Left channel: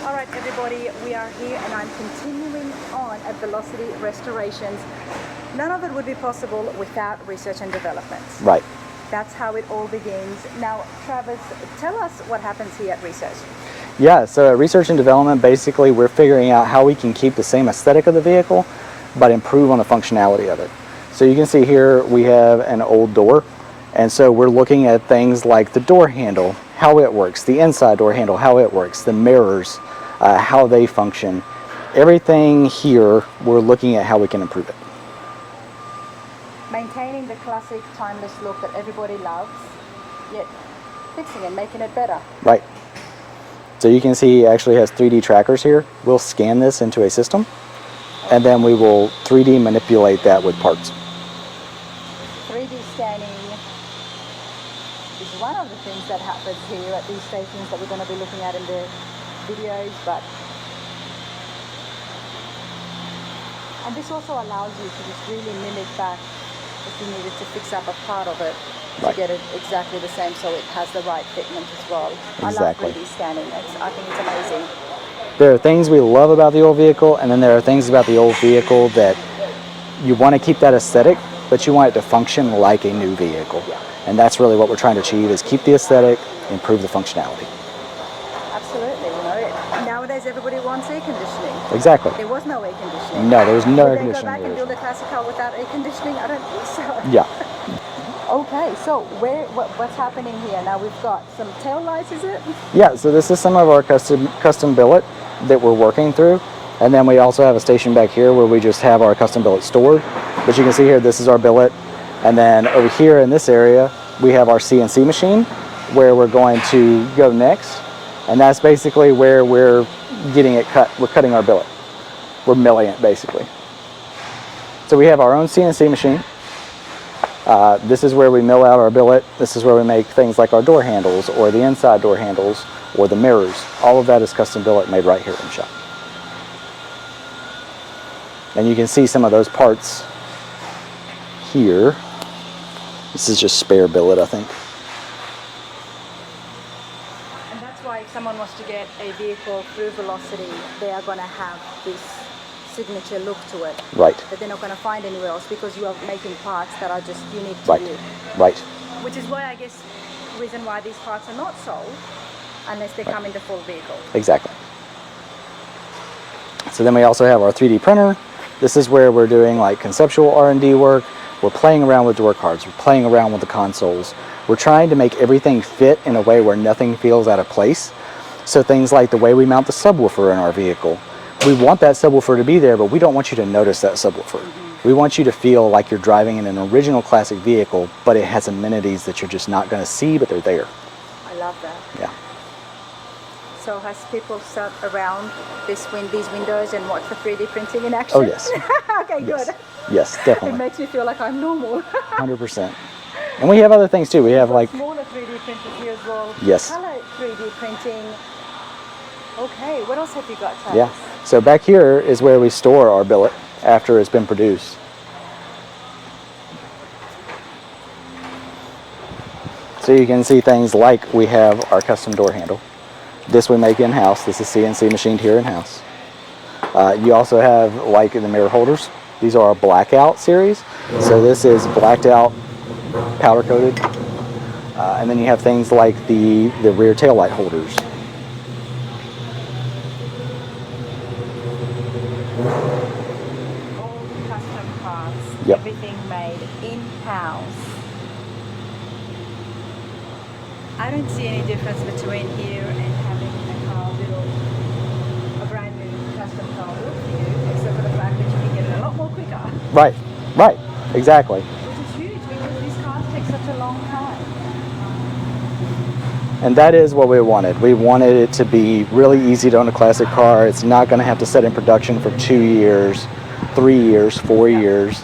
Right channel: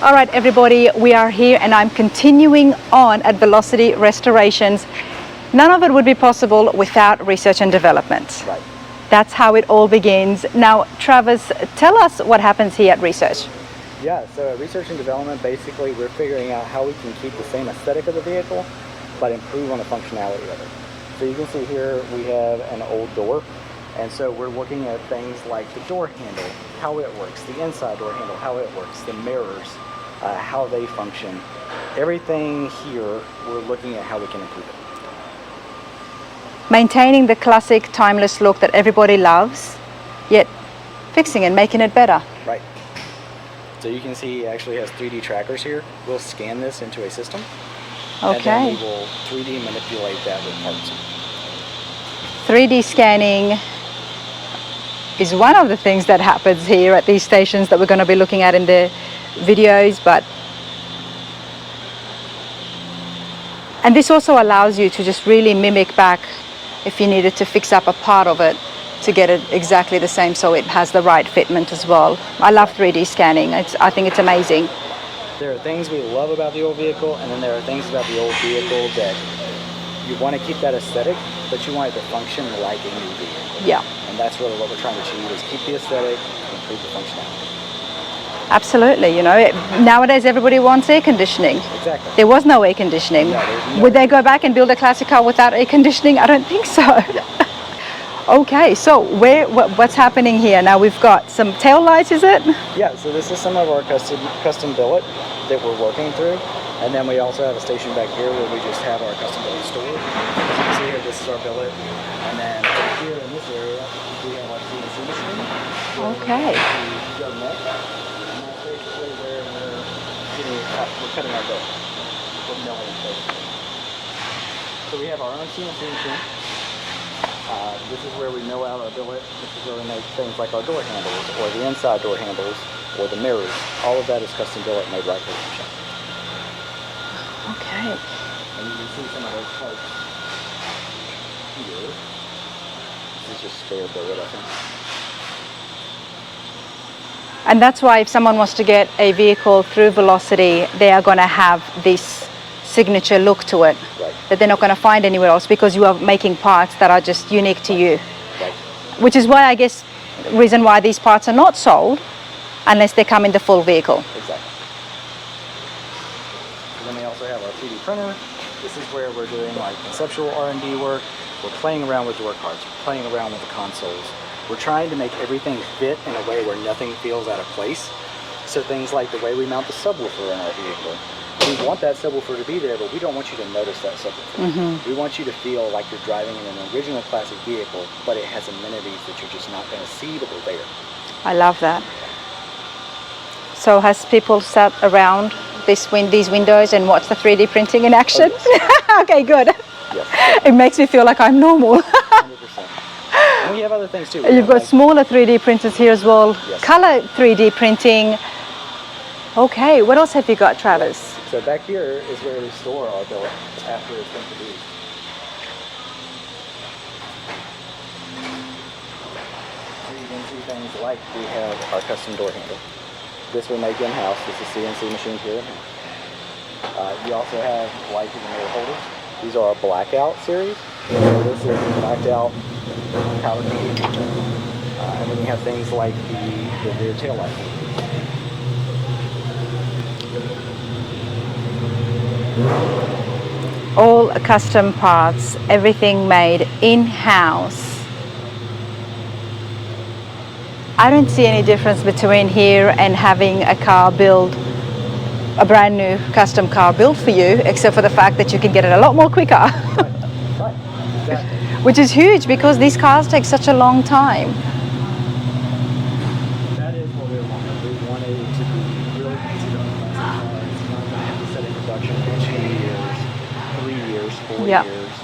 All right, everybody, we are here and I'm continuing on at Velocity Restorations. None of it would be possible without research and development. Right. That's how it all begins. Now, Travis, tell us what happens here at Research. Yeah, so at research and development, basically we're figuring out how we can keep the same aesthetic of the vehicle, but improve on the functionality of it. So you can see here we have an old door, and so we're looking at things like the door handle, how it works, the inside door handle, how it works, the mirrors, how they function. Everything here, we're looking at how we can improve it. Maintaining the classic timeless look that everybody loves, yet fixing and making it better. Right. So you can see it actually has 3D trackers here. We'll scan this into a system, and then we will 3D manipulate that with parts. 3D scanning is one of the things that happens here at these stations that we're going to be looking at in the videos, and this also allows you to just really mimic back if you needed to fix up a part of it to get it exactly the same so it has the right fitment as well. Exactly. I love 3D scanning. I think it's amazing. There are things we love about the old vehicle, and then there are things about the old vehicle that you want to keep that aesthetic, but you want it to function like a new vehicle. Yeah. And that's really what we're trying to achieve, is keep the aesthetic, improve the functionality. Absolutely, you know, nowadays everybody wants air conditioning. Exactly. There was no air conditioning. No, there's no. Would they go back and build a classic car without air conditioning? I don't think so. Yeah. Okay, so what's happening here? Now we've got some tail lights, is it? Yeah, so this is some of our custom billet that we're working through. And then we also have a station back here where we just have our custom billet stored. But you can see here, this is our billet. And then over here in this area, we have our CNC machine where we're going to go next. And that's basically where we're getting it cut. We're cutting our billet. We're milling it, basically. So we have our own CNC machine. This is where we mill out our billet. This is where we make things like our door handles or the inside door handles or the mirrors. All of that is custom billet made right here in the shop. Okay. And you can see some of those parts here. This is just spare billet, I think. And that's why if someone wants to get a vehicle through Velocity, they are going to have this signature look to it. Right. That they're not going to find anywhere else because you are making parts that are just unique to you. Right. Which is why, I guess, reason why these parts are not sold unless they come in the full vehicle. Exactly. So then we also have our 3D printer. This is where we're doing like conceptual R&D work. We're playing around with door cards. We're playing around with the consoles. We're trying to make everything fit in a way where nothing feels out of place. So things like the way we mount the subwoofer in our vehicle. We want that subwoofer to be there, but we don't want you to notice that subwoofer. We want you to feel like you're driving in an original classic vehicle, but it has amenities that you're just not going to see, but they're there. I love that. Yeah. So has people sat around these windows and watched the 3D printing in action? Oh, yes. Okay, good. Yes, definitely. It makes me feel like I'm normal. 100%. And we have other things too. You've got smaller 3D printers here as well. Yes. Color 3D printing. Okay, what else have you got, Travis? Yes. So back here is where we store our billet after it's been produced. So you can see things like we have our custom door handle. This we make in-house. This is CNC machined here in-house. You also have like the mirror holders. These are our blackout series. So this is blacked out, powder coated. And then you have things like the rear tail light holders. All custom parts, everything made in-house. I don't see any difference between here and having a car built, a brand new custom car built for you, except for the fact that you can get it a lot more quicker. Right, right, exactly. Which is huge because these cars take such a long time. And that is what we wanted. We wanted it to be really easy to own a classic car. It's not going to have to sit in production for 2 years, 3 years, 4 years.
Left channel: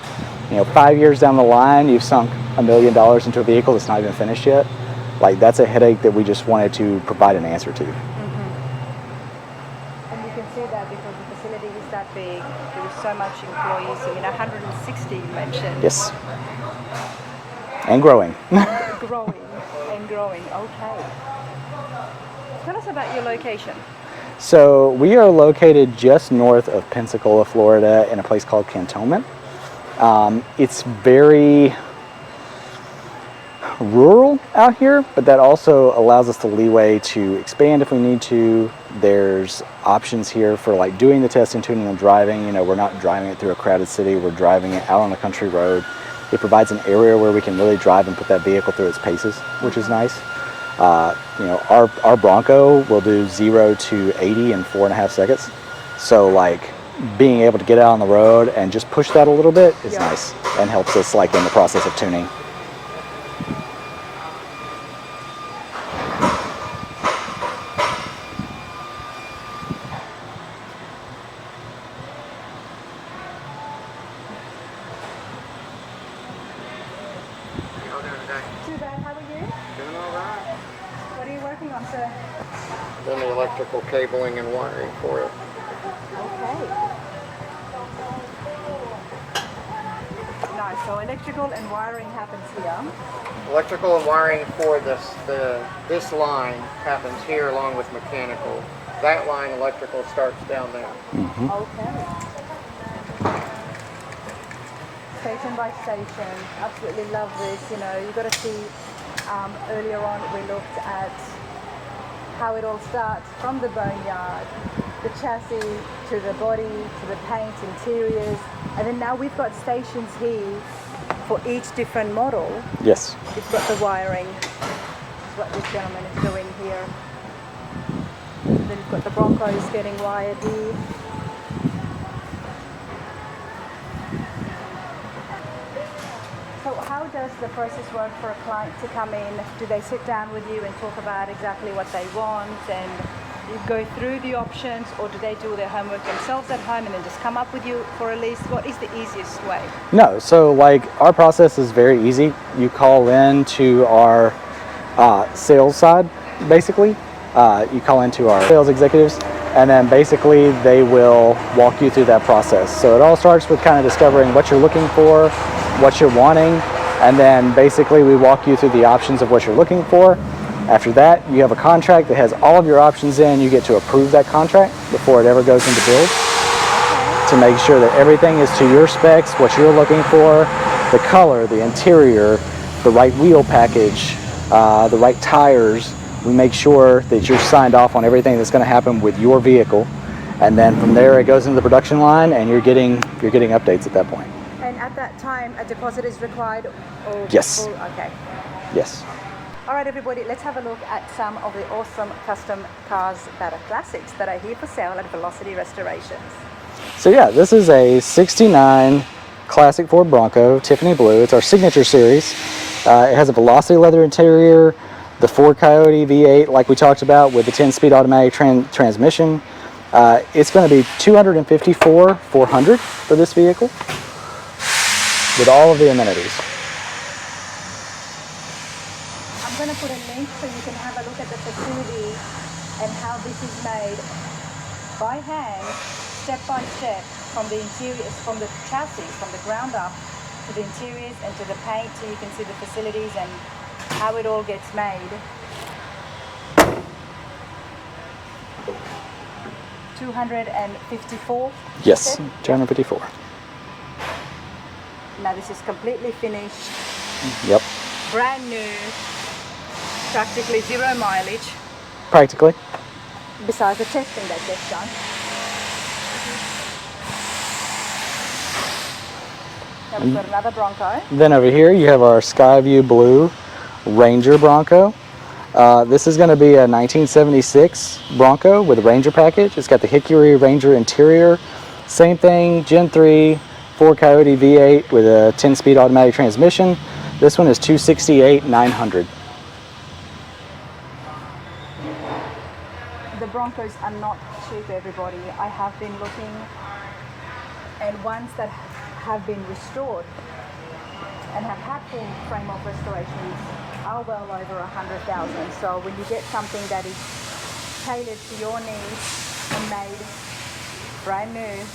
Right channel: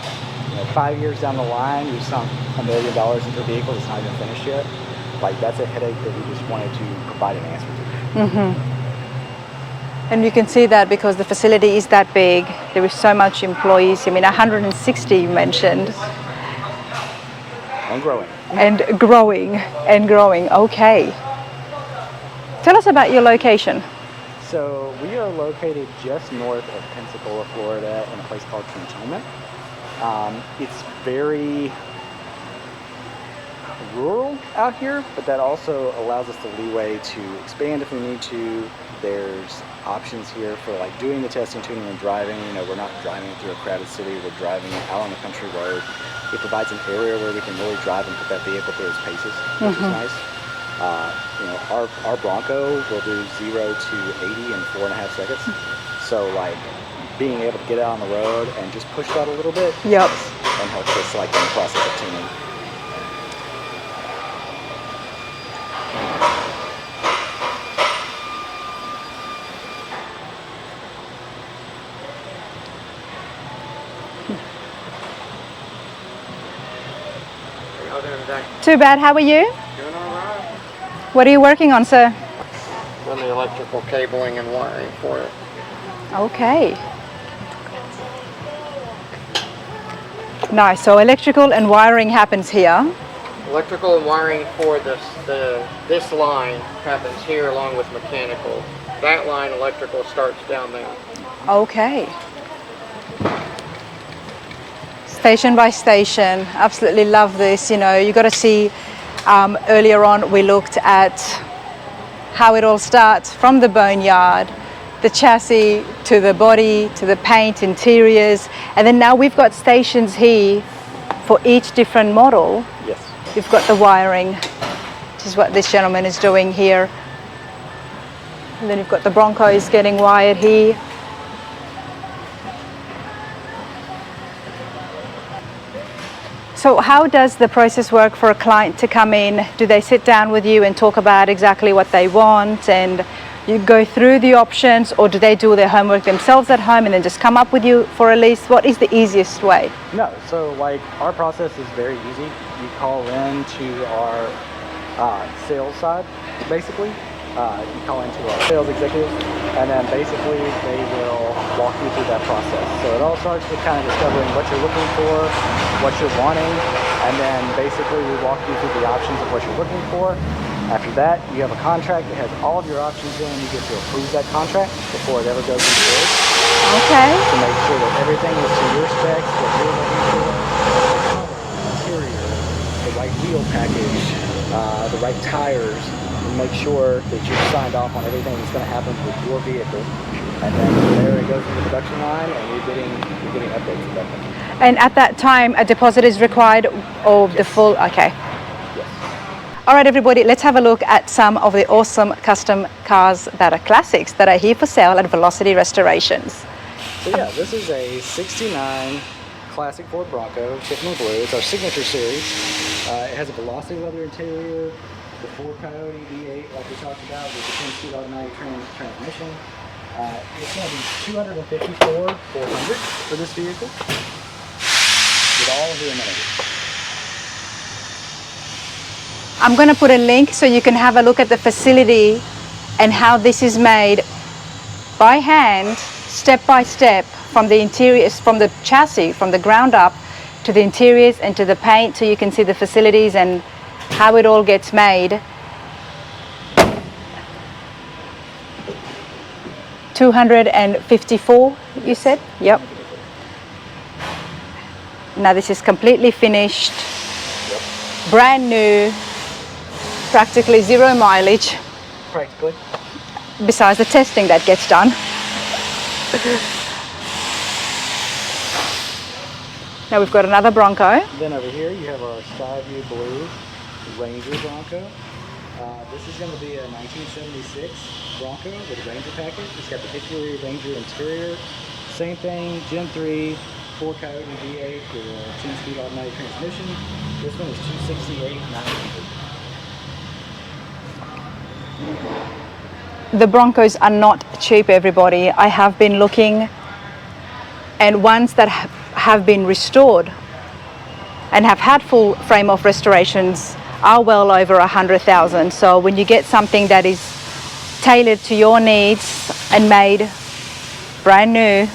You know, 5 years down the line, you've sunk $1 million into a vehicle that's not even finished yet. Like, that's a headache that we just wanted to provide an answer to. And you can see that because the facility is that big. There is so much employees. I mean, 160 you mentioned. Yes. And growing. And growing, and growing. Okay. Tell us about your location. So we are located just north of Pensacola, Florida, in a place called Cantonment. It's very rural out here, but that also allows us the leeway to expand if we need to. There's options here for like doing the testing, tuning, and driving. You know, we're not driving it through a crowded city, we're driving it out on a country road. It provides an area where we can really drive and put that vehicle through its paces, which is nice. You know, our Bronco will do 0 to 80 in 4.5 seconds. So like being able to get out on the road and just push that a little bit is nice and helps us like in the process of tuning. Too bad. How are you? Doing all right. What are you working on, sir? Doing the electrical cabling and wiring for it. Okay. Nice. So electrical and wiring happens here. Electrical and wiring for this line happens here along with mechanical. That line, electrical, starts down there. Okay. Station by station. Absolutely love this. You know, you got to see, earlier on we looked at how it all starts from the boneyard, the chassis, to the body, to the paint, interiors, and then now we've got stations here for each different model. Yes. You've got the wiring, which is what this gentleman is doing here. And then you've got the Broncos getting wired here. So how does the process work for a client to come in? Do they sit down with you and talk about exactly what they want and you go through the options, or do they do their homework themselves at home and then just come up with you for a lease? What is the easiest way? No, so like our process is very easy. You call in to our sales side, basically. You call into our sales executives, and then basically they will walk you through that process. So it all starts with kind of discovering what you're looking for, what you're wanting, and then basically we walk you through the options of what you're looking for. After that, you have a contract that has all of your options in. You get to approve that contract before it ever goes into bid. Okay. To make sure that everything is to your specs, what you're looking for, the color, the interior, the right wheel package, the right tires. We make sure that you're signed off on everything that's going to happen with your vehicle, and then from there it goes into the production line, and you're getting updates at that point. And at that time, a deposit is required, or the Yes. full? Okay. Yes. All right, everybody, let's have a look at some of the awesome custom cars that are classics that are here for sale at Velocity Restorations. So yeah, this is a '69 classic Ford Bronco, Tiffany blue. It's our signature series. It has a Velocity leather interior, the Ford Coyote V8 like we talked about with the 10-speed automatic transmission. It's going to be $254,400 for this vehicle with all of the amenities. I'm going to put a link so you can have a look at the facility and how this is made by hand, step by step, from the interiors, from the chassis, from the ground up to the interiors and to the paint, so you can see the facilities and how it all gets made. 254, you said? Yes, 254. Now this is completely finished, Yep. brand new, practically 0 mileage, Practically. besides the testing that gets done. Now we've got another Bronco. Then over here you have our Skyview Blue Ranger Bronco. This is going to be a 1976 Bronco with a Ranger package. It's got the Hickory Ranger interior. Same thing, Gen III Ford Coyote V8 with a 10-speed automatic transmission. This one is $268,900. The Broncos are not cheap, everybody. I have been looking, and ones that have been restored and have had full frame-off restorations are well over 100,000. So when you get something that is tailored to your needs and made brand new,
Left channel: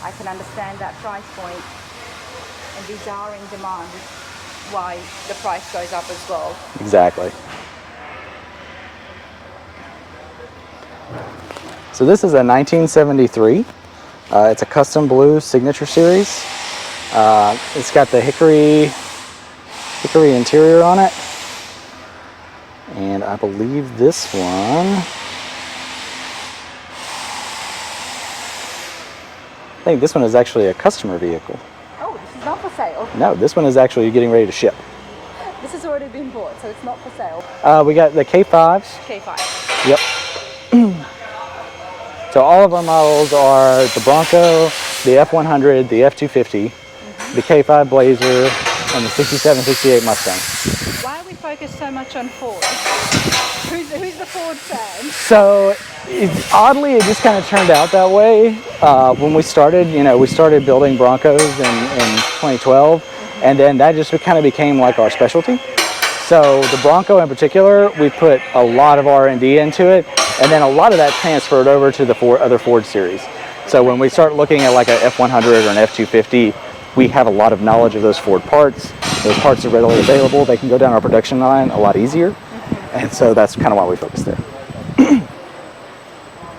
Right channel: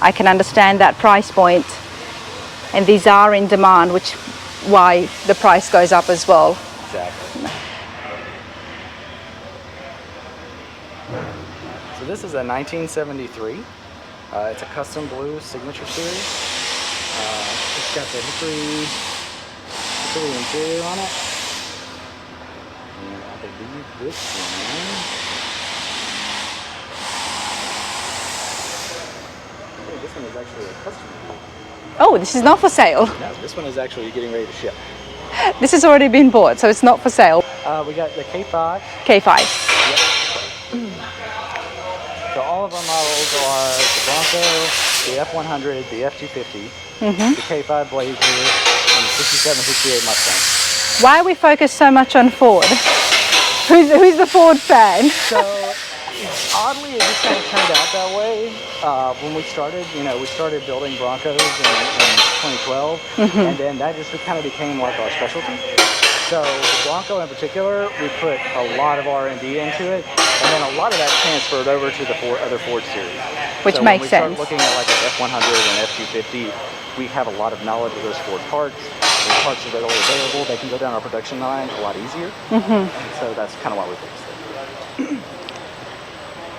I can understand that price point. And these are in demand, which why the price goes up as well. Exactly. So this is a 1973. It's a custom blue signature series. It's got the hickory interior on it. And I believe this one, I think this one is actually a customer vehicle. Oh, this is not for sale. No, this one is actually getting ready to ship. This has already been bought, so it's not for sale. We got the K5. K5. Yep. So all of our models are the Bronco, the F100, the F250, the K5 Blazer, and the 67, 68 Mustang. Why are we focused so much on Ford? Who's the Ford fan? So oddly, it just kind of turned out that way. When we started, we started building Broncos in 2012, and then that just kind of became like our specialty. So the Bronco in particular, we put a lot of R&D into it, and then a lot of that transferred over to the other Ford series. Which so when makes we start sense. looking at like an F100 or an F250, we have a lot of knowledge of those Ford parts. Those parts are readily available. They can go down our production line a lot easier, and so that's kind of why we focused there.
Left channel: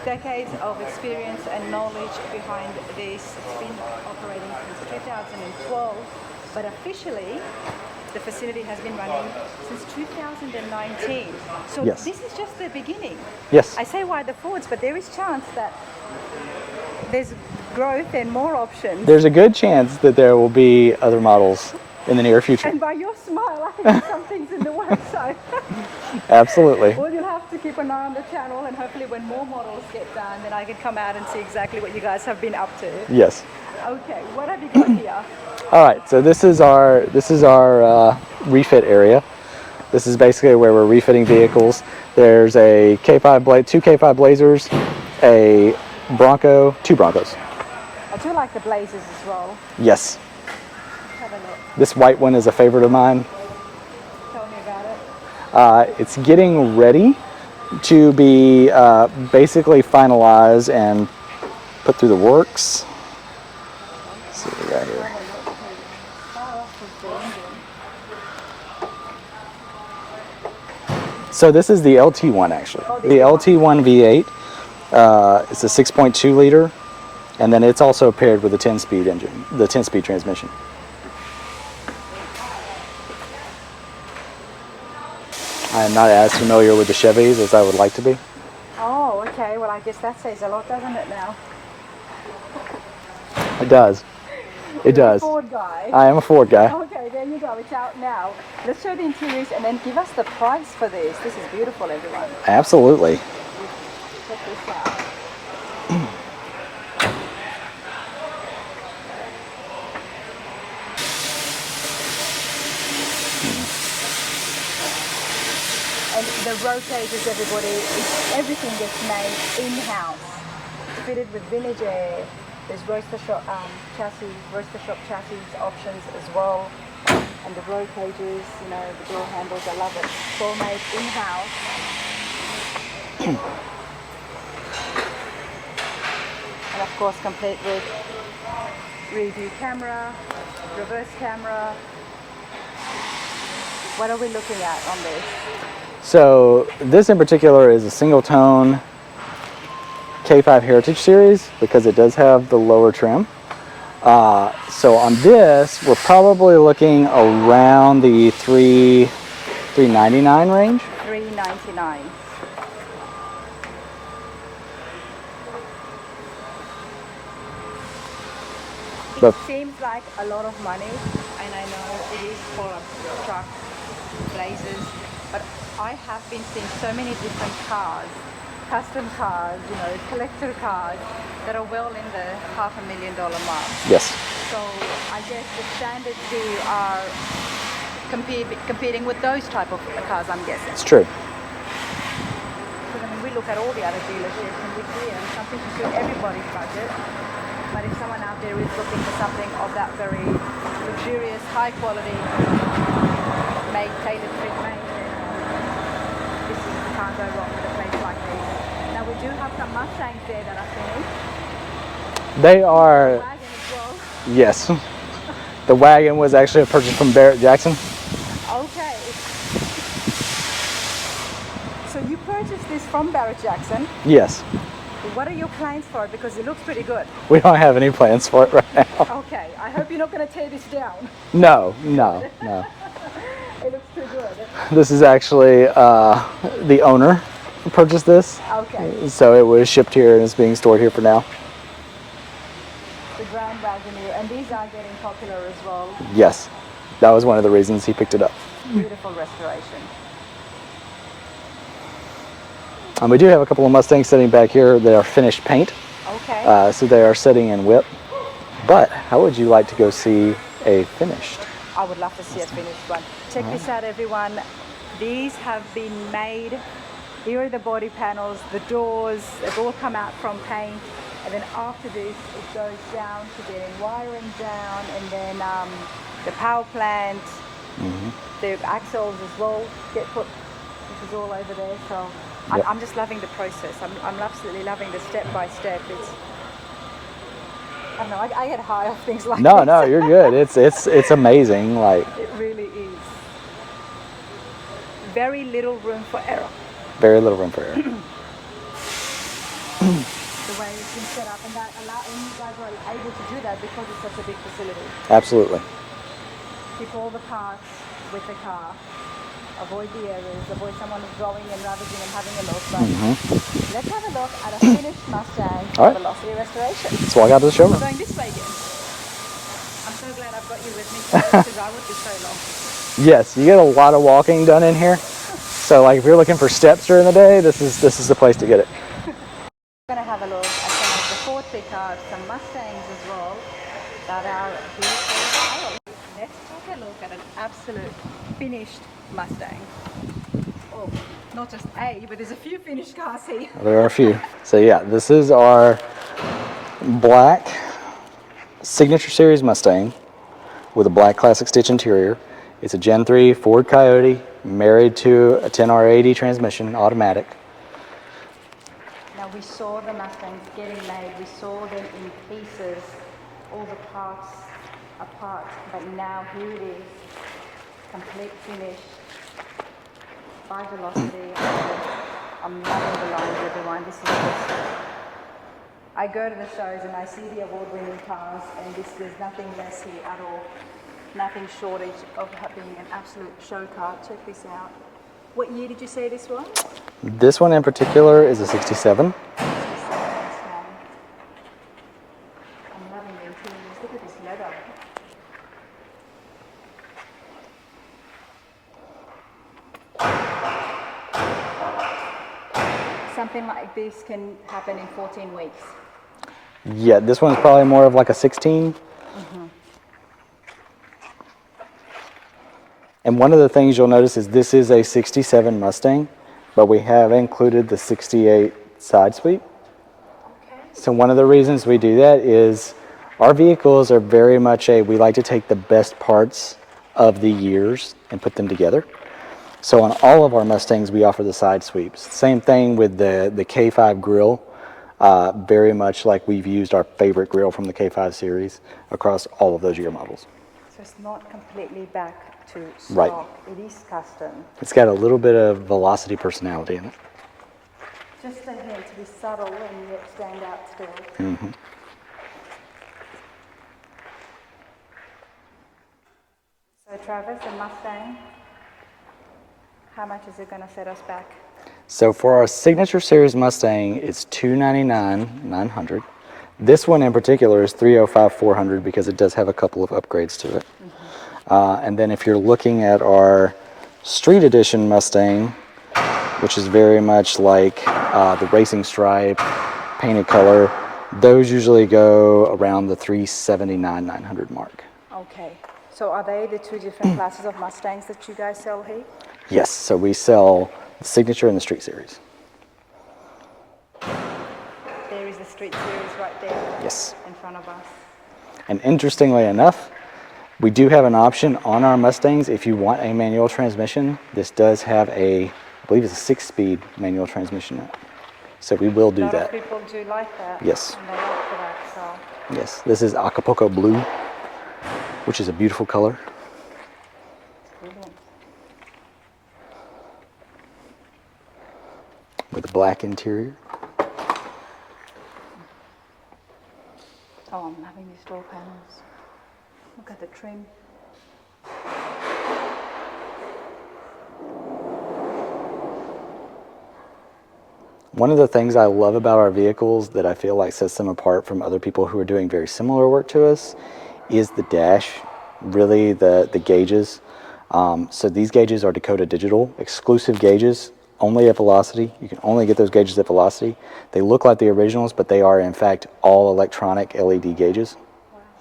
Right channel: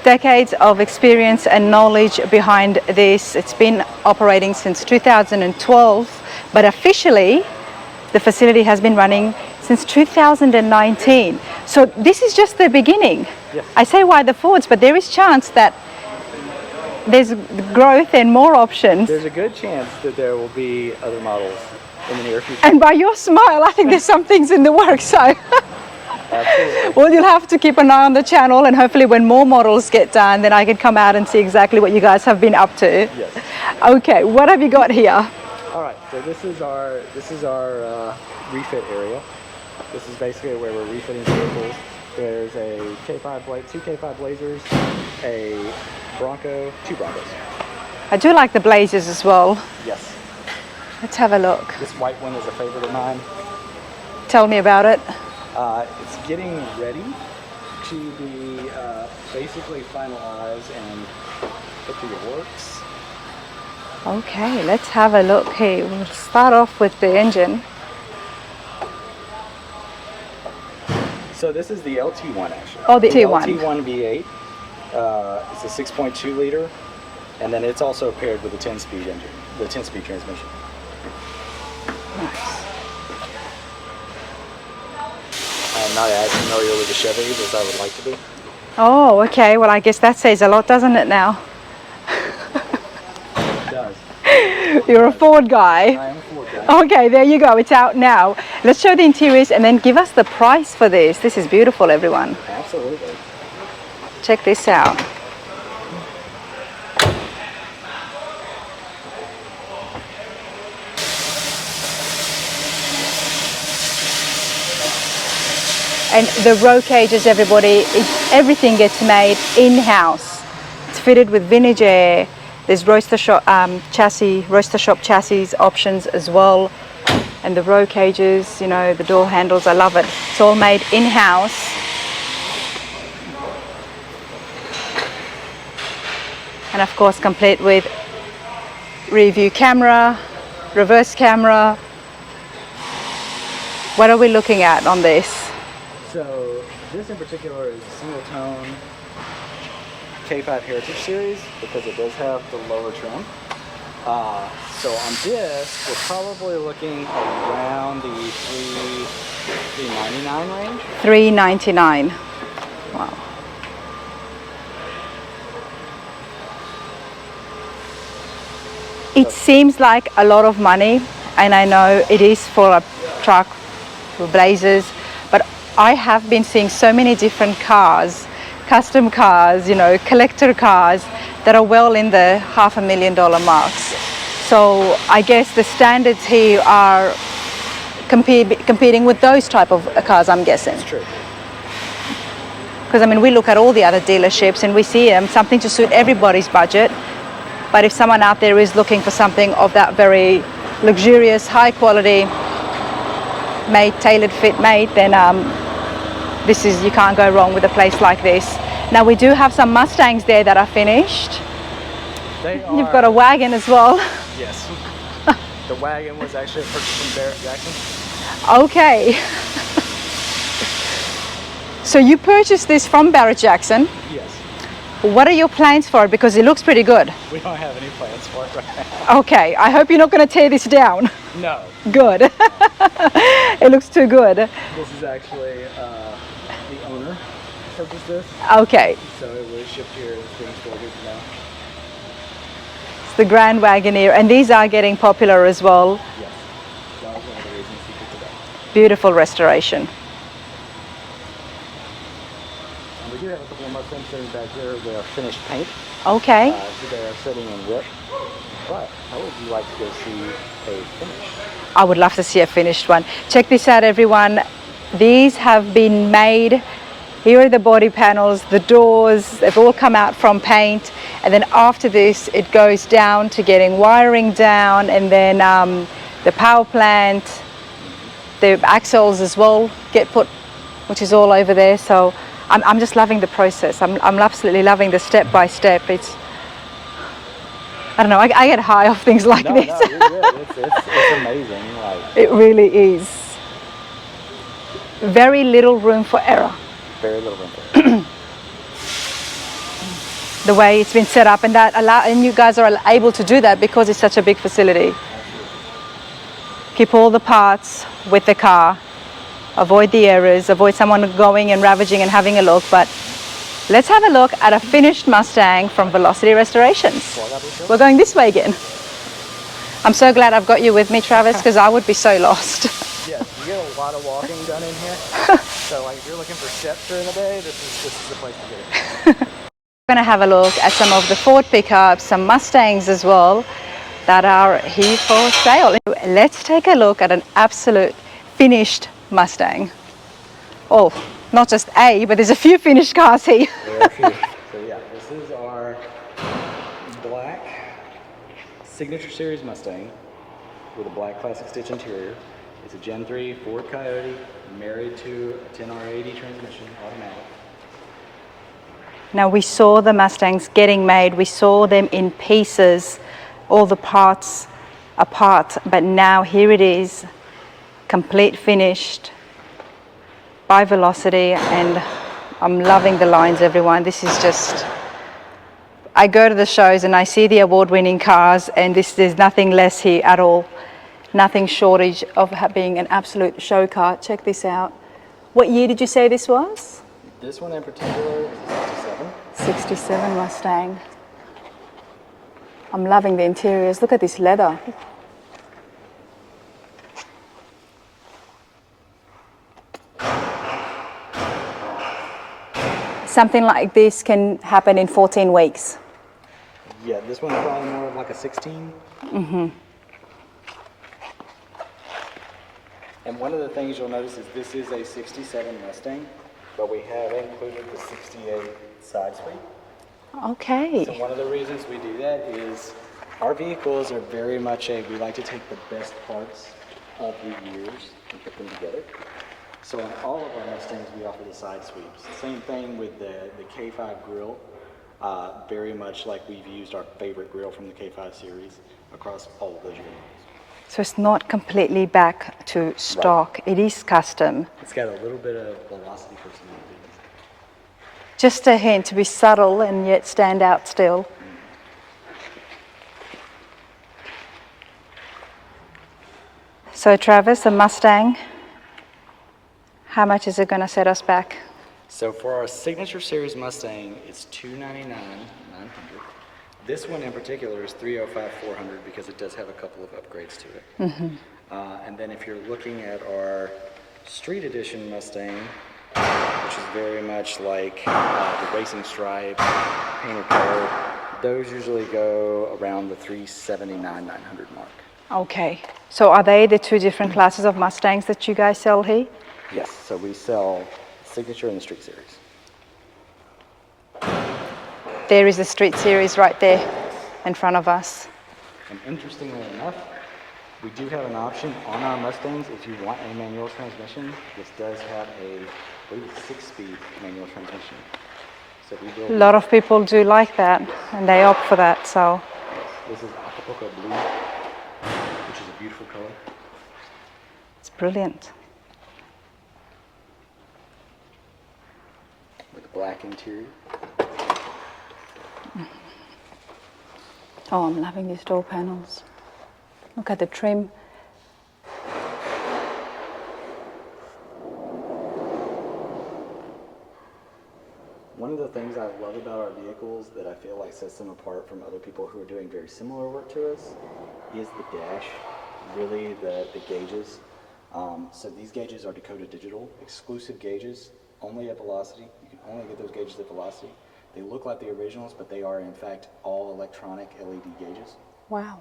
Decades of experience and knowledge behind this. It's been operating since 2012, but officially the facility has been running since 2019. So Yes. this is just the beginning. Yes. I say why the Fords, but there is chance that there's growth and more options. There's a good chance that there will be other models in the near future. And by your smile, I think there's some things in the works. So, Absolutely. well, you'll have to keep an eye on the channel, and hopefully when more models get done, then I can come out and see exactly what you guys have been up to. Yes. Okay, what have you got here? All right. So this is our refit area. This is basically where we're refitting vehicles. There's a K5 two K5 Blazers, a Bronco, two Broncos. I do like the Blazers as well. Yes. Let's have a look. This white one is a favorite of mine. Tell me about it. It's getting ready to be basically finalized and put through the works. Okay, let's have a look here. We'll start off with the engine. So this is the LT1 actually. Oh, the LT1 LT1. V8. It's a 6.2 liter, and then it's also paired with a 10-speed engine, the 10-speed transmission. I am not as familiar with the Chevys as I would like to be. Oh, okay. Well, I guess that says a lot, doesn't it now? It does. It You're does. a Ford guy. I am a Ford guy. Okay, there you go. It's out now. Let's show the interiors and then give us the price for this. This is beautiful, everyone. Absolutely. Check this out. And the row cages, everybody, everything gets made in-house. It's fitted with vintage air. There's roaster shop chassis options as well. And the row cages, the door handles, I love it. It's all made in-house. And of course, complete with rear view camera, reverse camera. What are we looking at on this? So this in particular is a single tone K5 Heritage Series because it does have the lower trim. So on this, we're probably looking around the $399 range. $399. Wow. It seems like a lot of money, and I know it is for a truck, for Blazers, but I have been seeing so many different cars, custom cars, collector cars that are well in the $500,000 marks. Yes. So I guess the standards here are competing with those type of cars, I'm guessing. It's true. Because we look at all the other dealerships and we see something to suit everybody's budget. But if someone out there is looking for something of that very luxurious, high quality, tailored fit made, then you can't go wrong with a place like this. Now we do have some Mustangs there that are finished. They are. You've got a wagon as well. Yes. The wagon was actually a purchase from Barrett Jackson. Okay. So you purchased this from Barrett Jackson. Yes. What are your plans for it? Because it looks pretty good. We don't have any plans for it right now. Okay, I hope you're not going to tear this down. No. Good. No. It looks too good. This is actually the owner purchased this. Okay. So it was shipped here and is being stored here for now. It's the Grand Wagoneer, and these are getting popular as well. Yes, that was one of the reasons he picked it up. Beautiful restoration. We do have a couple of Mustangs sitting back here that are finished paint. Okay. So they are sitting in whip. But how would you like to go see a finished? I would love to see a finished one. Check this out, everyone. These have been made. Here are the body panels, the doors, they've all come out from paint. And then after this, it goes down to getting wiring down, and then the power plant, the axles as well get put, which is all over there. So I'm just loving the process. I'm absolutely loving the step by step. It's, I don't know, I get high off things like this. No, you're good. It's amazing. Like, it really is. Very little room for error. Very little room for error. The way it's been set up, and and you guys are able to do that because it's such a big facility. Absolutely. Keep all the parts with the car. Avoid the errors, avoid someone going and ravaging and having a look, but let's have a look at a finished Mustang from Velocity Restorations. Let's walk out to the showroom. We're going this way again. I'm so glad I've got you with me, Travis, because I would be so lost. Yes, you get a lot of walking done in here. So like if you're looking for steps during the day, this is the place to get it. We're going to have a look at some of the Ford pickups, some Mustangs as well, that are here for sale. Let's take a look at an absolute finished Mustang. Oh, not just a, but there's a few finished cars here. There are a few. So yeah, this is our black Signature Series Mustang with a black classic stitch interior. It's a Gen III Ford Coyote married to a 10R80 transmission, automatic. Now we saw the Mustangs getting made, we saw them in pieces, all the parts apart, but now here it is, complete finished by Velocity, and I'm loving the lines, everyone. This is just, I go to the shows and I see the award-winning cars, and there's nothing less here at all. Nothing shortage of being an absolute show car. Check this out. What year did you say this was? This one in particular is a 67. 67 Mustang. I'm loving the interiors. Look at this leather. Something like this can happen in 14 weeks. Yeah, this one's probably more of like a 16. And one of the things you'll notice is this is a 67 Mustang, but we have included the 68 side sweep. Okay. So one of the reasons we do that is our vehicles are very much we like to take the best parts of the years and put them together. So on all of our Mustangs, we offer the side sweeps. Same thing with the K5 grill, very much like we've used our favorite grill from the K5 series across all of those year models. So it's not completely back to stock. Right. It is custom. It's got a little bit of Velocity personality in it. Just a hint to be subtle and yet stand out still. So Travis, a Mustang, how much is it going to set us back? So for our Signature Series Mustang, it's $299,900. This one in particular is $305,400 because it does have a couple of upgrades to it. And then if you're looking at our Street Edition Mustang, which is very much like the racing stripe, painted color, those usually go around the $379,900 mark. Okay. So are they the two different classes of Mustangs that you guys sell here? Yes. So we sell the Signature and the Street Series. There is the Street Series right there. Yes. In front of us. And interestingly enough, we do have an option on our Mustangs if you want a manual transmission. This does have I believe it's a 6-speed manual transmission. So we will do that. A lot of people do like that. Yes. And they opt for that, so. Yes, this is Acapulco Blue, which is a beautiful color. It's brilliant. With a black interior. Oh, I'm loving these door panels. Look at the trim. One of the things I love about our vehicles that I feel like sets them apart from other people who are doing very similar work to us is the dash, really the gauges. So these gauges are Dakota Digital, exclusive gauges, only at Velocity. You can only get those gauges at Velocity. They look like the originals, but they are in fact all electronic LED gauges. Wow.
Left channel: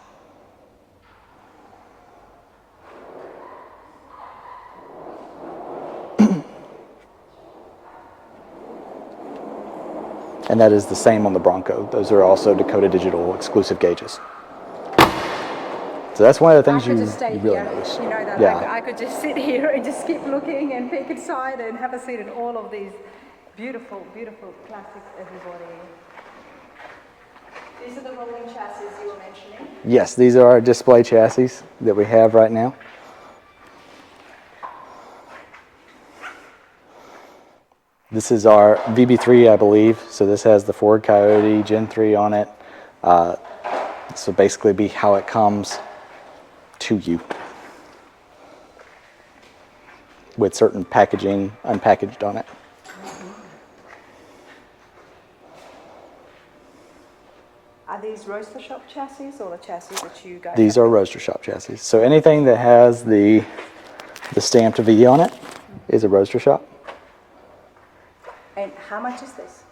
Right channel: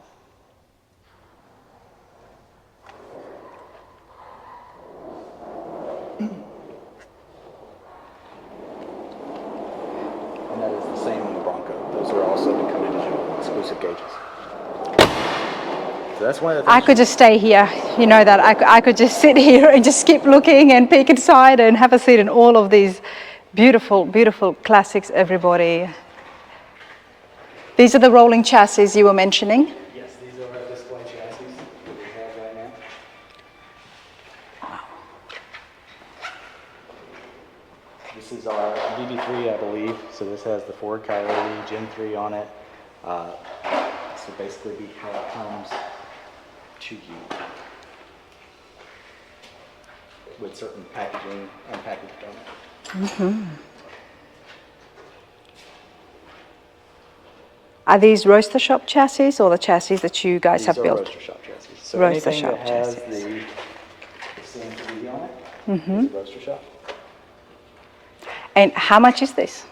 And that is the same on the Bronco. Those are also Dakota Digital exclusive gauges. So that's one of the things I could just stay here, you know that. Yeah. I could just sit here and just keep looking and peek inside and have a seat in all of these beautiful, beautiful classics, everybody. These are the rolling chassis you were mentioning? Yes, these are our display chassis that we have right now. This is our VB3, I believe. So this has the Ford Coyote Gen 3 on it. So basically be how it comes to you with certain packaging unpackaged on it. Mm-hmm. Are these roaster shop chassis or the chassis that you guys have built? These are roaster shop chassis. So Roaster anything that shop has chassis. the stamped V on it is a roaster shop. And how much is this?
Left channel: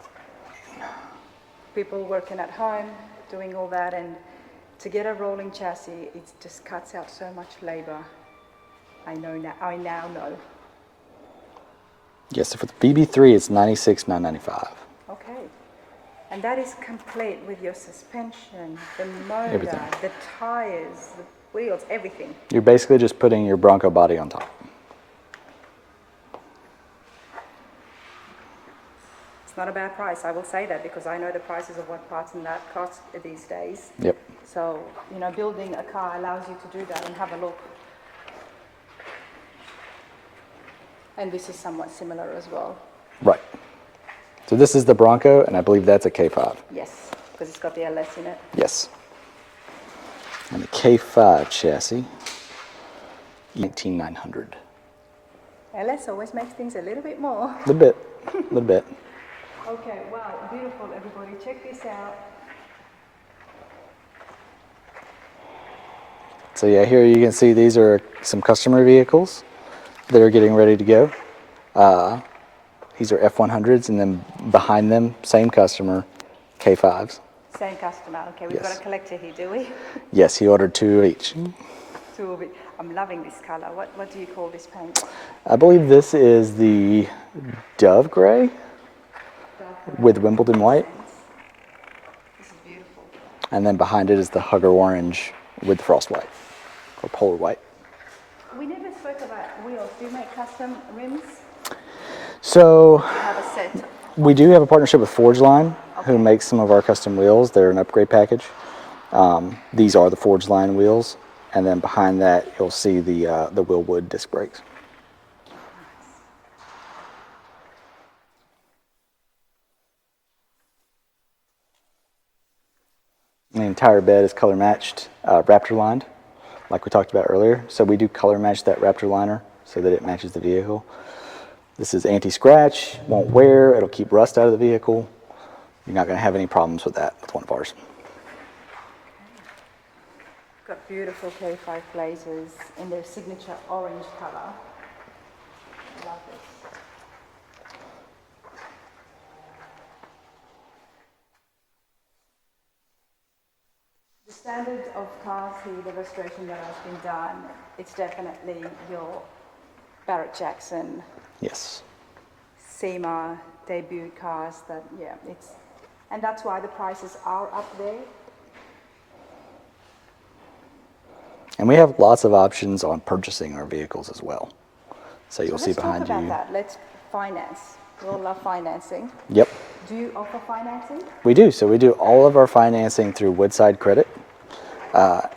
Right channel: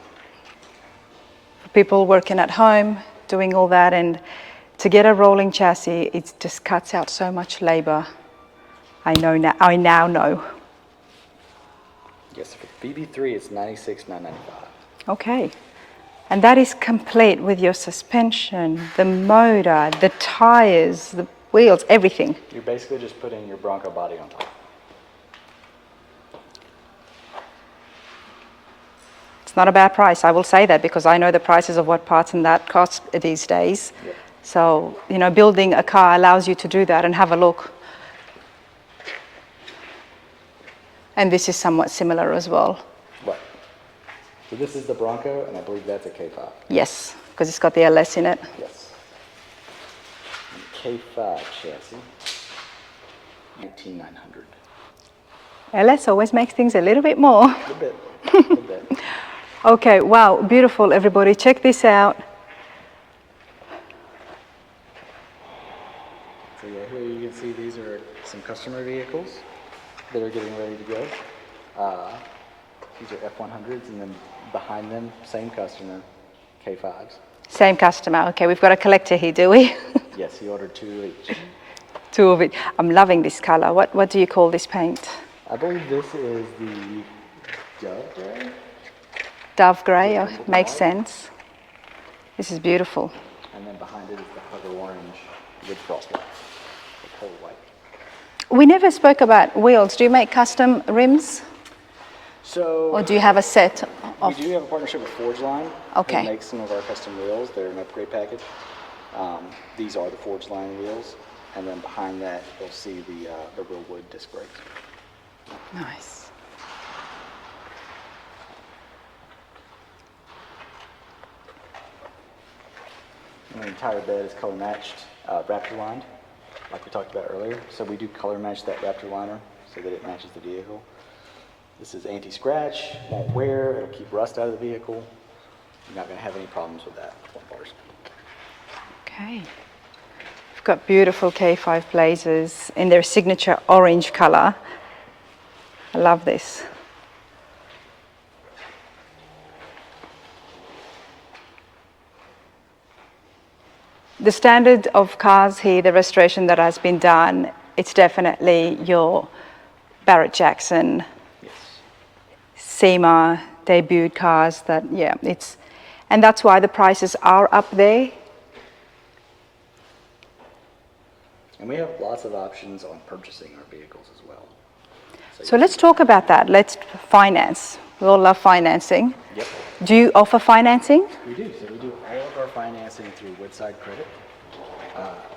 For people working at home, doing all that, and to get a rolling chassis, it just cuts out so much labor. I now know. Yes, so for the VB3, it's $96,995. Okay. And that is complete with your suspension, the motor, the tires, the wheels, everything. You're basically just putting your Bronco body on top. It's not a bad price, I will say that, because I know the prices of what parts and that cost these days. Yep. So, you know, building a car allows you to do that and have a look. And this is somewhat similar as well. Right. So this is the Bronco, and I believe that's a K5. Yes, because it's got the LS in it. Yes. And the K5 chassis, 18900. LS always makes things a little bit more. A little bit, a little bit. Okay, wow, beautiful, everybody. Check this out. So yeah, here you can see these are some customer vehicles that are getting ready to go. These are F100s, and then behind them, same customer, K5s. Same customer. Okay, we've got a collector here, do we? Yes, he ordered 2 of each. 2 of it. I'm loving this color. What do you call this paint? I believe this is the Dove Gray. Dove gray. With Wimbledon makes white. sense. This is beautiful. And then behind it is the Hugger Orange with Frost White, or Polar White. We never spoke about wheels. Do you make custom rims? So Or do you have a set? we do have a partnership with Forge Line, Okay. who makes some of our custom wheels. They're an upgrade package. These are the Forge Line wheels, and then behind that you'll see the Willwood disc brakes. Nice. And the entire bed is color matched, Raptor lined, like we talked about earlier. So we do color match that Raptor liner so that it matches the vehicle. This is anti-scratch, won't wear, it'll keep rust out of the vehicle. You're not going to have any problems with that with one of ours. Okay. We've got beautiful K5 Blazers in their signature orange color. I love this. The standard of cars here, the restoration that has been done, it's definitely your Barrett Jackson, Yes. SEMA debut cars. That, yeah, it's, and that's why the prices are up there. And we have lots of options on purchasing our vehicles as well. So you'll let's see talk behind about you- that. Let's finance. We all love financing. Yep, Do you offer financing? we do. So we do all of our financing through Woodside Credit.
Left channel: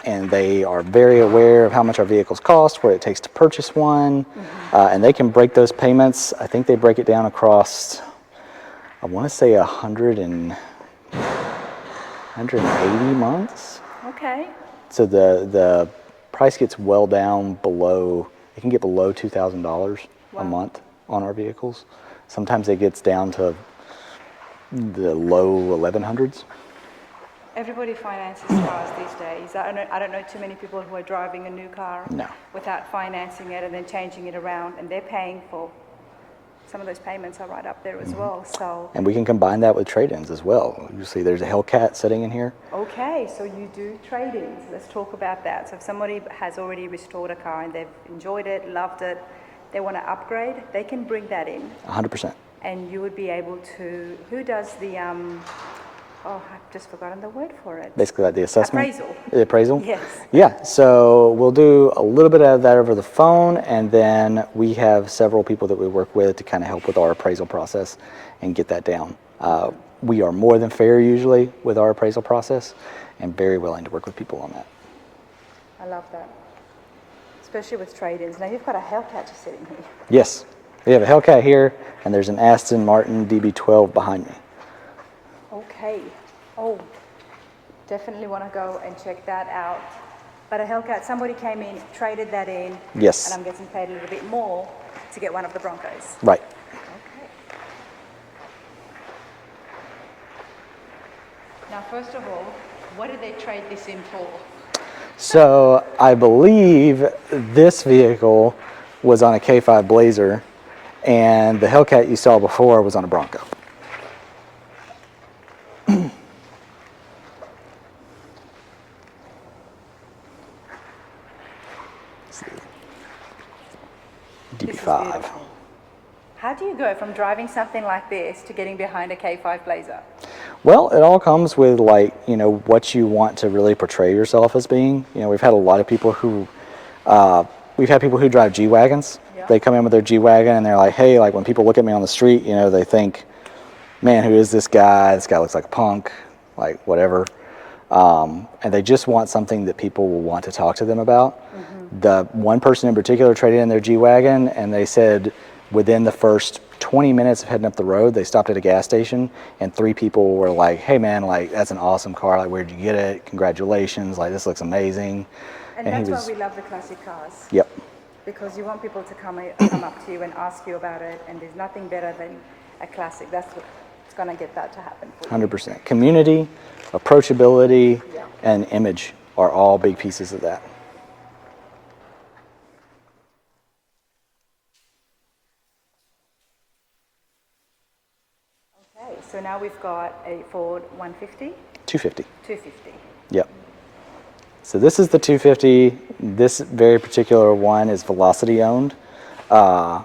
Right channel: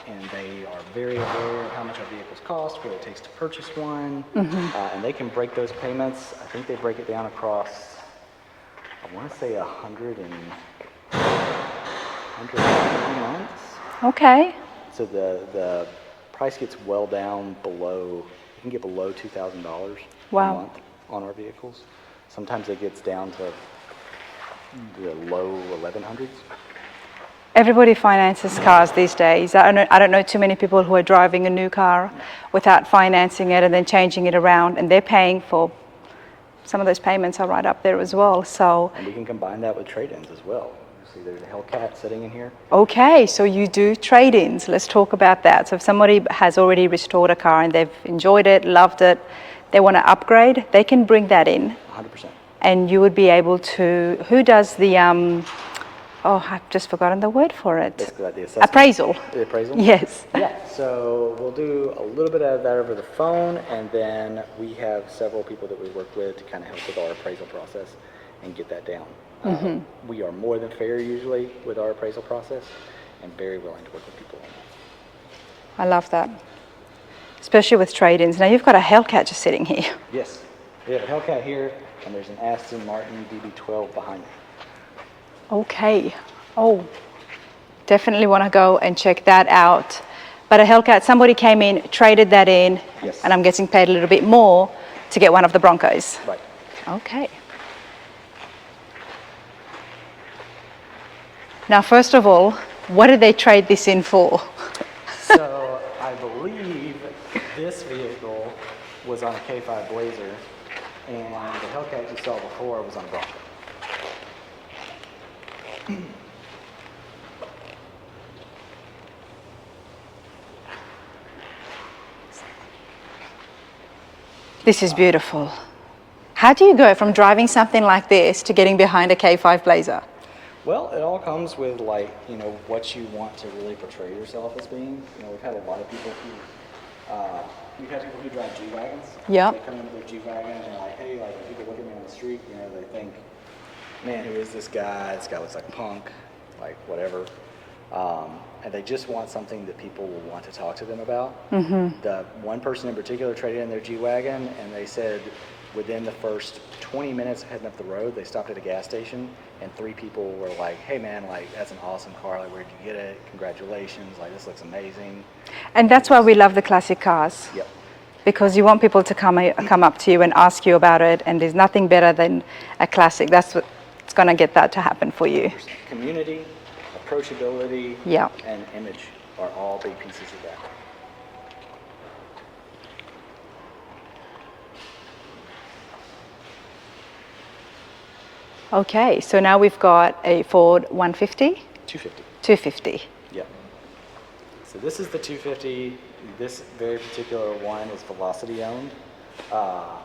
And they are very aware of how much our vehicles cost, what it takes to purchase one, and they can break those payments. I think they break it down across, I want to say 180 months. Okay. So the price gets well down below, it can get below $2,000 a Wow. month on our vehicles. Sometimes it gets down to the low 1100s. Everybody finances cars these days. I don't know too many people who are driving a new car without financing it and then changing it around, and they're paying for, some of those payments are right up there as well. So. And we can combine that with trade-ins as well. You see there's a Hellcat sitting in here. Okay, so you do trade-ins. Let's talk about that. So if somebody has already restored a car and they've enjoyed it, loved it, they want to upgrade, they can bring that in. 100%. And you would be able to, who does the, oh, I've just forgotten the word for it. Basically like the assessment. Appraisal. The appraisal? Yes. Yeah, so we'll do a little bit of that over the phone, and then we have several people that we work with to kind of help with our appraisal process and get that down. We are more than fair usually with our appraisal process and very willing to work with people on that. I love that. Especially with trade-ins. Now you've got a Hellcat just sitting here. Yes, we have a Hellcat here, and there's an Aston Martin DB12 behind me. Okay. Oh, definitely want to go and check that out. But a Hellcat, somebody came in, traded that in. Yes. And I'm getting paid a little bit more to get one of the Broncos. Right. Okay. Now, first of all, what did they trade this in for? So I believe this vehicle was on a K5 Blazer, and the Hellcat you saw before was on a Bronco. This is beautiful. How do you go from driving something like this to getting behind a K5 Blazer? Well, it all comes with, like, you know, what you want to really portray yourself as being. You know, we've had a lot of people who, we've had people who drive G-Wagons. Yeah. They come in with their G-Wagon and they're like, hey, like when people look at me on the street, you know, they think, man, who is this guy? This guy looks like a punk, like whatever. And they just want something that people will want to talk to them about. The one person in particular traded in their G-Wagon, and they said within the first 20 minutes of heading up the road, they stopped at a gas station, and 3 people were like, hey man, like that's an awesome car, like where'd you get it? Congratulations, like this looks amazing. And that's why we love the classic cars. Yep. Because you want people to come up to you and ask you about it, and there's nothing better than a classic. That's what's going to get that to happen for you. 100%. Community, approachability, Yeah. and image are all big pieces of that. Okay, so now we've got a Ford 150? 250. 250. Yep. So this is the 250. This very particular one is Velocity owned, and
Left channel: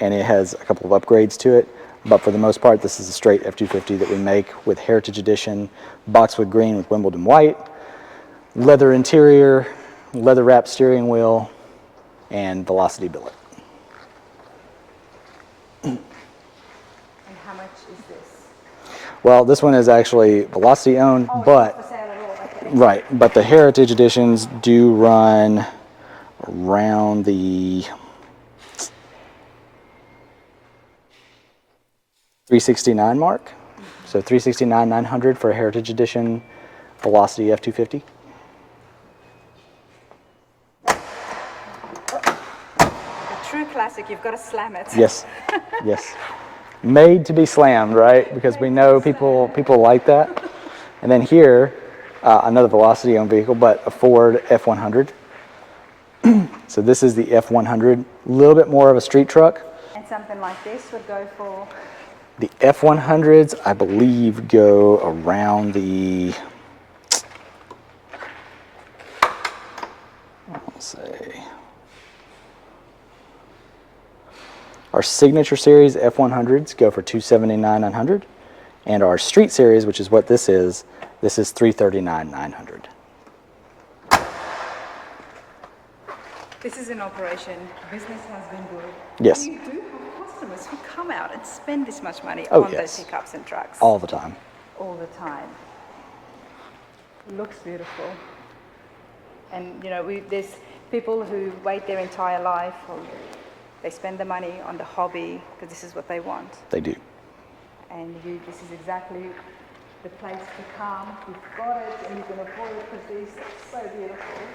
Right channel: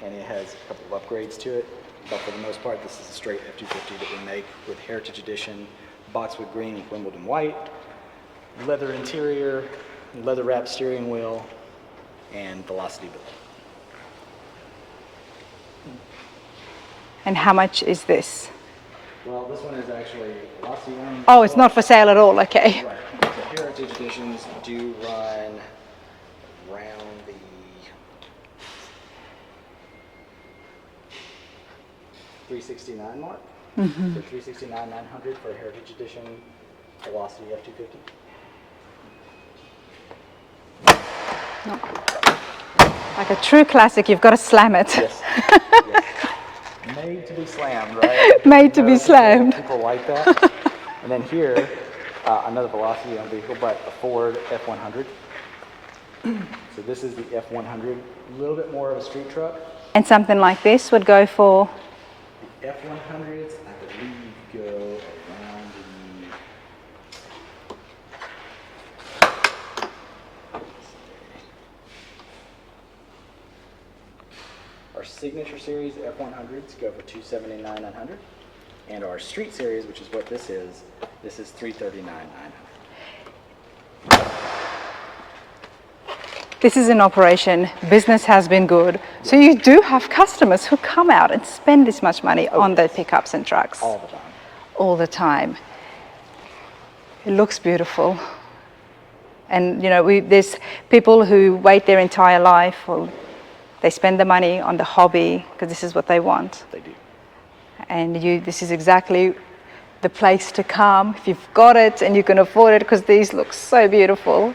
it has a couple of upgrades to it. But for the most part, this is a straight F250 that we make with Heritage Edition, boxwood green with Wimbledon white, leather interior, leather wrapped steering wheel, and Velocity billet. And how much is this? Well, this one is actually Velocity owned. Oh, it's not for sale at all, okay. Right, but the Heritage Editions do run around the $369 mark. So $369,900 for a Heritage Edition Velocity F250. Like a true classic, you've got to slam it. Yes, yes. Made to be slammed, right? Because Made to be slammed. People like that. And then here, another Velocity owned vehicle, but a Ford F100. So this is the F100, a little bit more of a street truck. And something like this would go for? The F100s, I believe, go around the, I want to say, our Signature Series F100s go for $279,900, and our Street Series, which is what this is $339,900. This is an operation, business has been good. Yes. So you do have customers who come out and spend this much money on yes. those pickups and trucks. All the time. All the time. It looks beautiful. And you know, there's people who wait their entire life, or they spend the money on the hobby because this is what they want. They do. And this is exactly the place to come if you've got it and you can afford it, because these look so beautiful.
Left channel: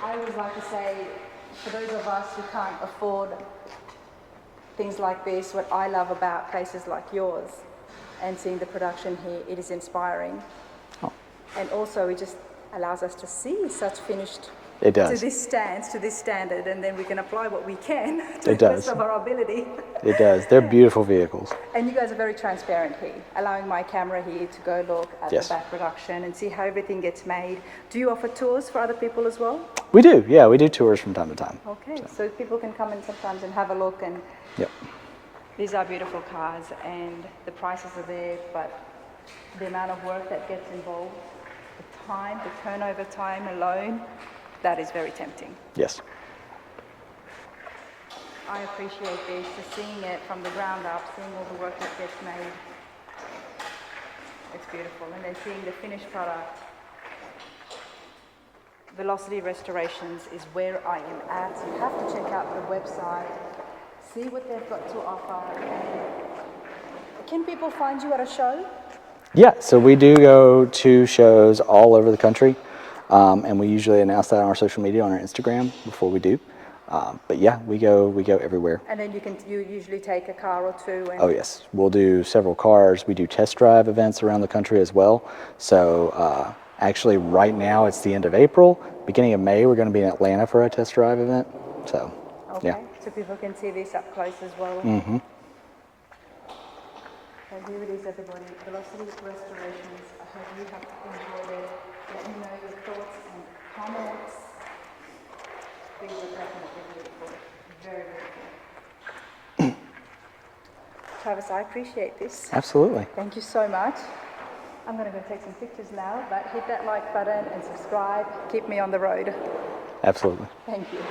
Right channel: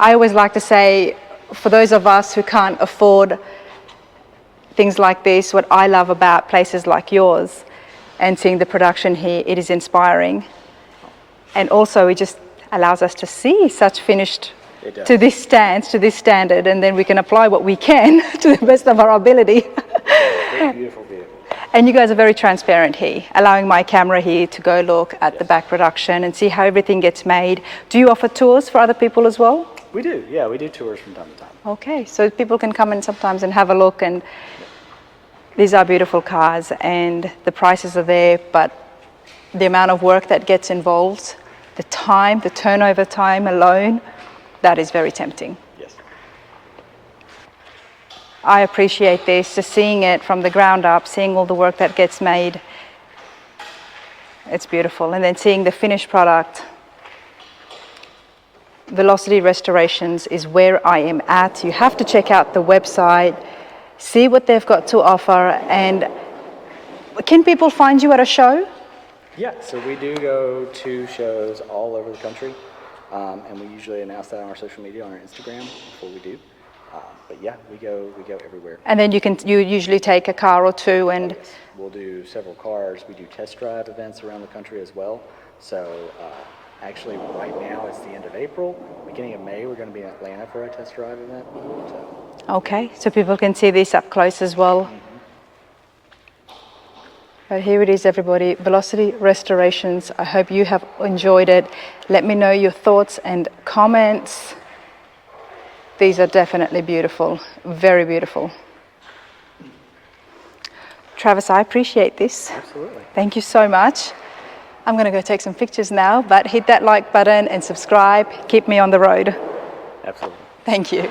I always like to say, for those of us who can't afford things like this, what I love about places like yours and seeing the production here, it is inspiring. And also it just allows us to see such finished to this standard, and then we can apply what we can to the best of our ability. It does. They're beautiful vehicles. And you guys are very transparent here, allowing my camera here to go look at the back production and see how everything gets made. Do you offer tours for other people as well? We do, yeah, we do tours from time to time. Okay, so people can come in sometimes and have a look, and these are beautiful cars and the prices are there, but the amount of work that gets involved, the time, the turnover time alone, that is very tempting. Yes. I appreciate this, just seeing it from the ground up, seeing all the work that gets made. It's beautiful. And then seeing the finished product. Velocity Restorations is where I am at. You have to check out the website, see what they've got to offer. And can people find you at a show? Yeah, so we do go to shows all over the country. And we usually announce that on our social media, on our Instagram before we do. But yeah, we go everywhere. And then you usually take a car or two and... Oh yes, we'll do several cars. We do test drive events around the country as well. So actually right now it's the end of April. Beginning of May, we're going to be in Atlanta for a test drive event. So okay, so people can see this up close as well. Mm-hmm. But here it is, everybody, Velocity Restorations. I hope you have enjoyed it. Let me know your thoughts and comments. These are definitely beautiful, very beautiful. Travis, I appreciate this. Absolutely. Thank you so much. I'm going to go take some pictures now, but hit that like button and subscribe. Keep me on the road. Absolutely. Thank you.